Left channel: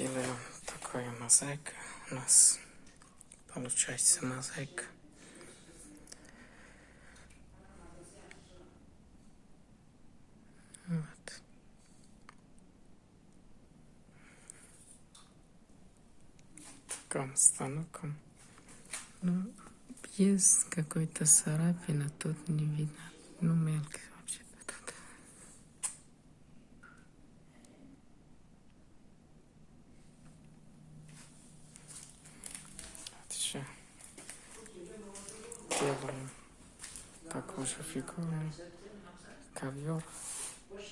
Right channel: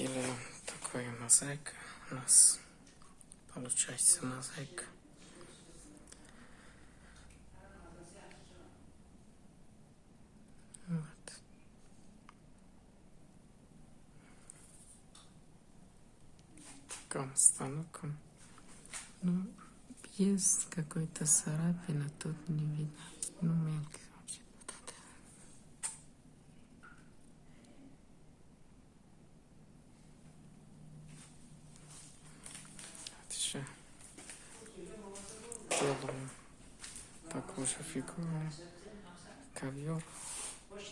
делаем такую мозаику. У нас получается мозаика. Вот. Таким станком. Ну, есть какой-то царапина, тут не видно. Ну, мелкий вообще. Так. Вот еще делаем такой же фигурный ковер. Тут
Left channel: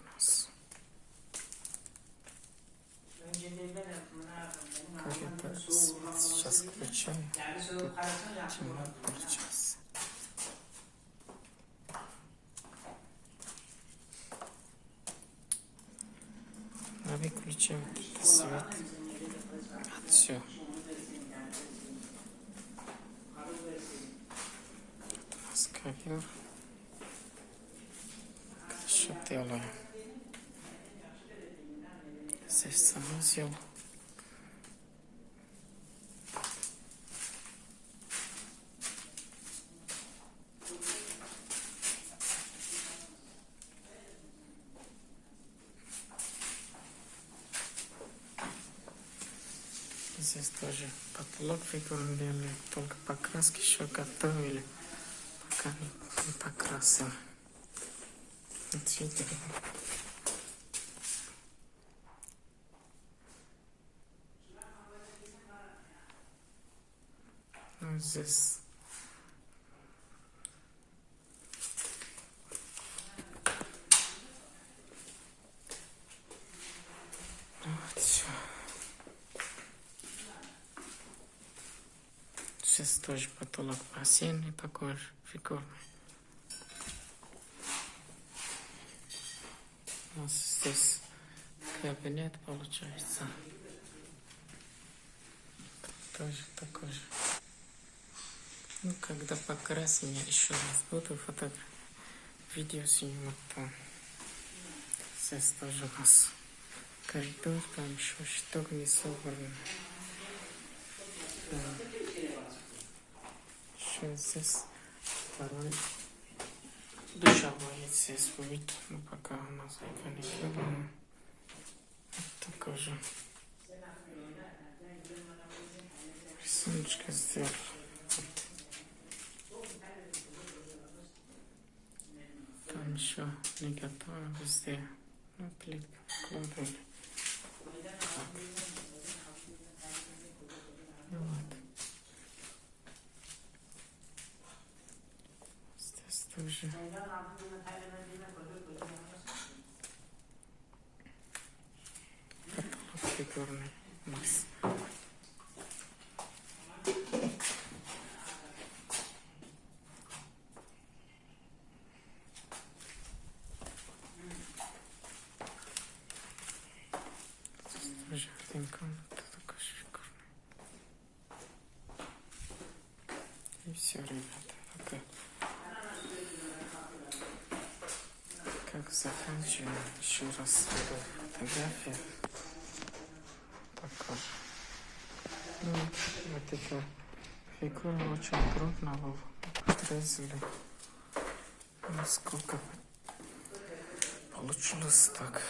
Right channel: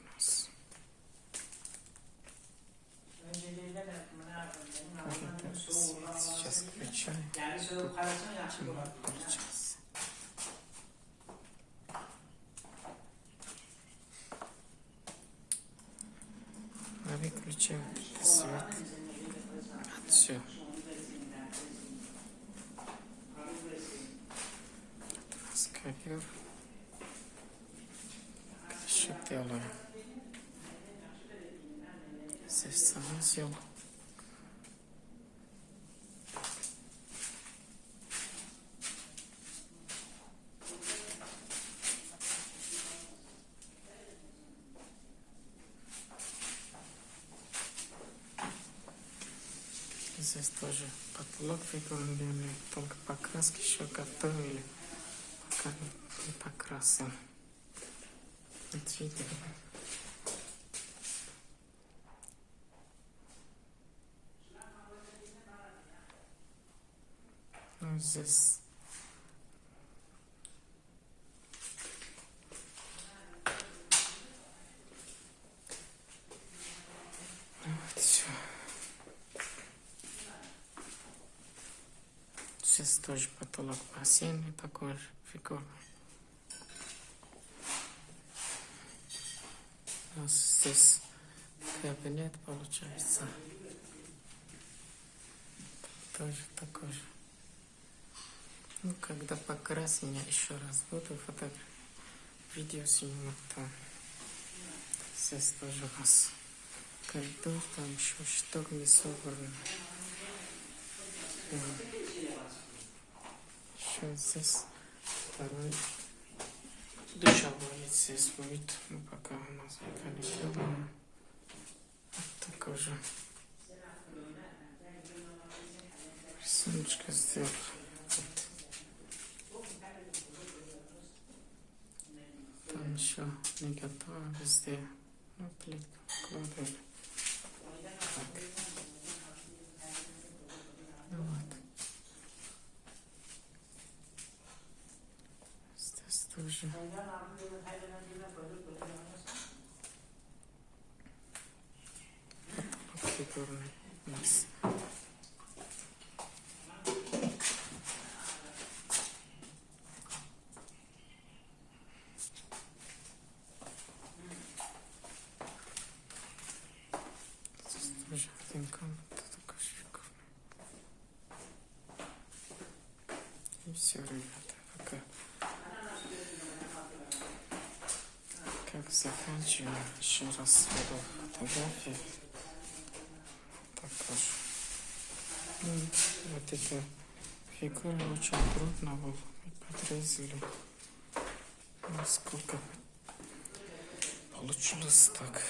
у нас как это свет сейчас включаем. Тут темно получается. А выключаем свет. Вот все. Тут у нас ковер. Еще делаем. Здесь санузел. Здесь тоже потолок фигурный, только покраски еще готовили, пока не покрасим. Вот видите. Ну, здесь вот все. Сейчас тоже потолок бассейн такой же фигурный. У нас здесь кабинет получается. Тоже такой же. Ну, когда покрасим, я еще раз буду видео сниму там. Здесь тоже у нас коридор, там еще что-то не собрано. Да. Еще здесь второй душевой здесь будет, но пока у нас это не сделано. Вот такой же. Рисуночка сделала. Вот. Там еще не готово везде. Ну, плитка вкладывали. Так. Ну вот. Здесь тоже. Потолок фигурный у нас. Тоже один комната такой фигурный. И все, ребята, пока. Как заканчиваем, еще раз беру фотографии. Також. Ну, вот эта фигура очень трудно было. Подрезали. Ну, сколько получилось так.